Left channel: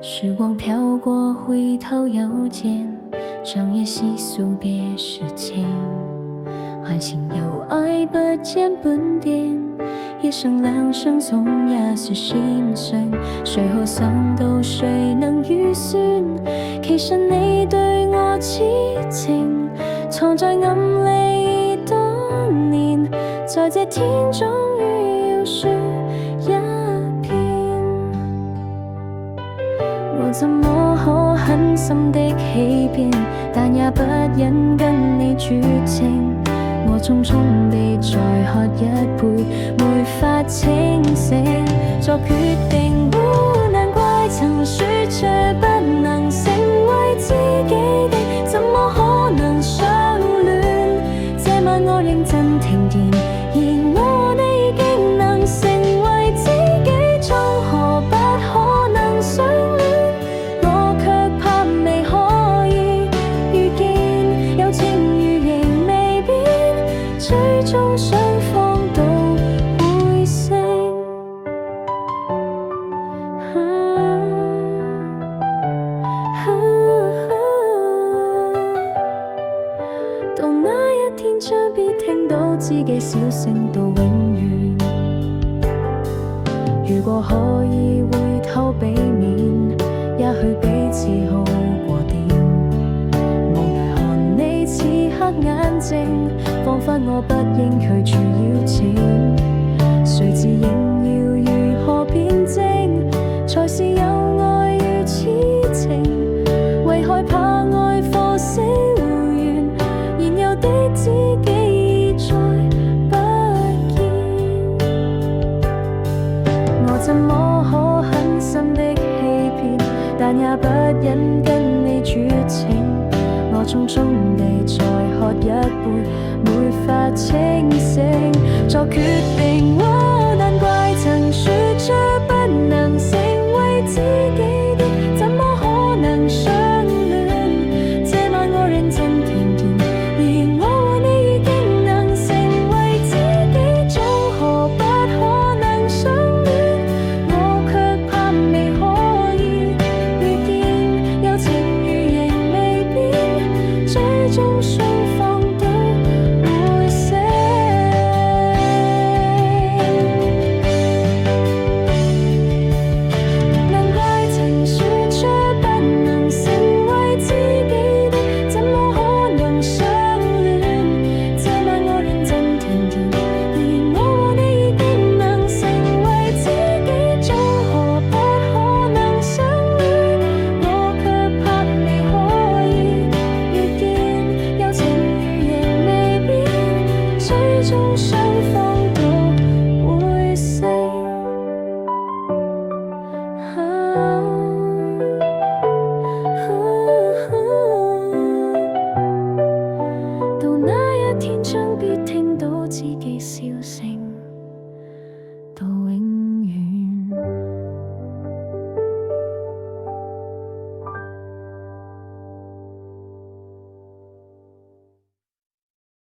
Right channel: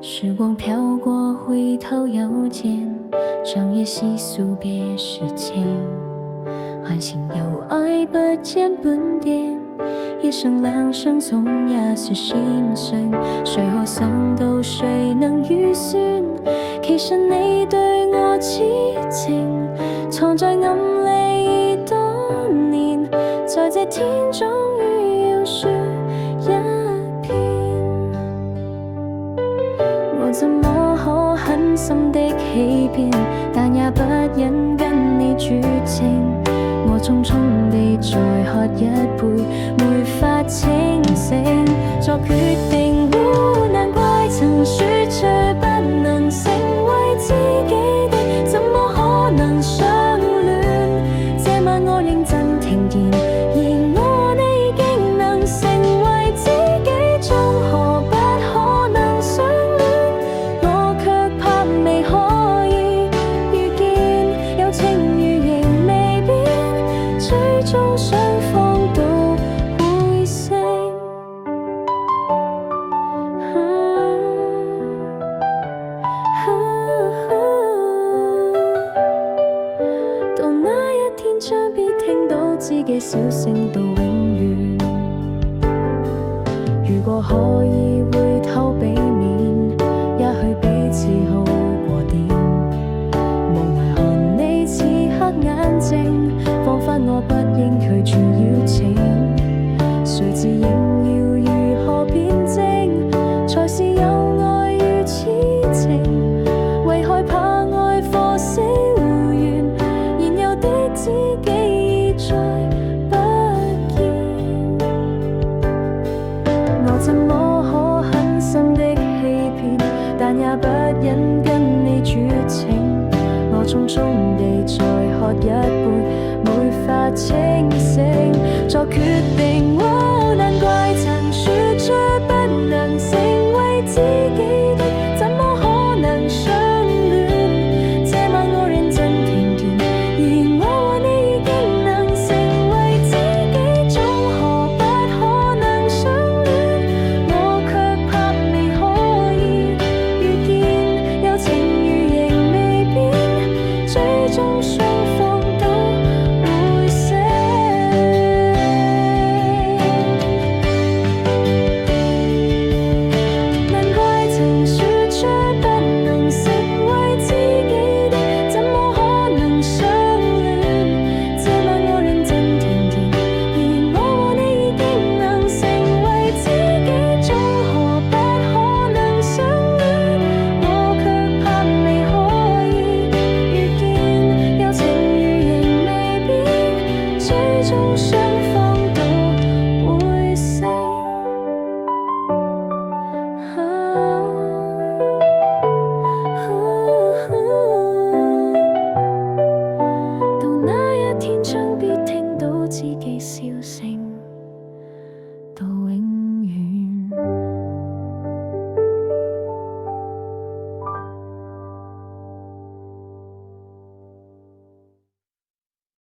时光飘过，回头又见，长夜细诉别时情。唤醒有爱不见半點，一生兩相總也是先生，誰可想到誰能預算？其實你對我痴情，藏在暗裏多年，在這天終於要說一遍。我怎麼可狠心的欺騙，但也不忍跟你絕情。我匆匆地再喝一杯，沒法清醒，作決定。難怪曾說着不能成為知己的，怎麼可能相戀？這晚我認真聽見，而我和你已經能成為知己，終何不可能相戀？我卻怕未可以遇見，有情如仍未變，最終雙方都會醒。到那一天將必聽到知己小聲到永遠。如果可以回頭避免，也許彼此好過點。無奈看你此刻眼睛，彷彿我不應拒絕邀請。誰知應要如何辯證，才是有愛如痴情？為害怕愛火燒完，現有的知己已再不見。我怎麼可狠心的欺騙，但也不忍跟你絕情。我匆匆地再喝一杯，沒法清醒，作決定。難怪曾說着不能成為知己的，怎麼可能相戀？這晚我認真聽見，而我和你已經能成為知己，總何不可能相戀？我卻怕未可以遇見，有情如仍未變，最終雙方都會醒。難怪曾說着不能成為知己的，怎麼可能相戀？這晚我認真聽見，而我和你已經能成為知己，總何不可能相戀？我卻怕未可以遇見，有情如仍未變，最終雙方都會醒。到那一天將必聽到知己笑聲，到永遠。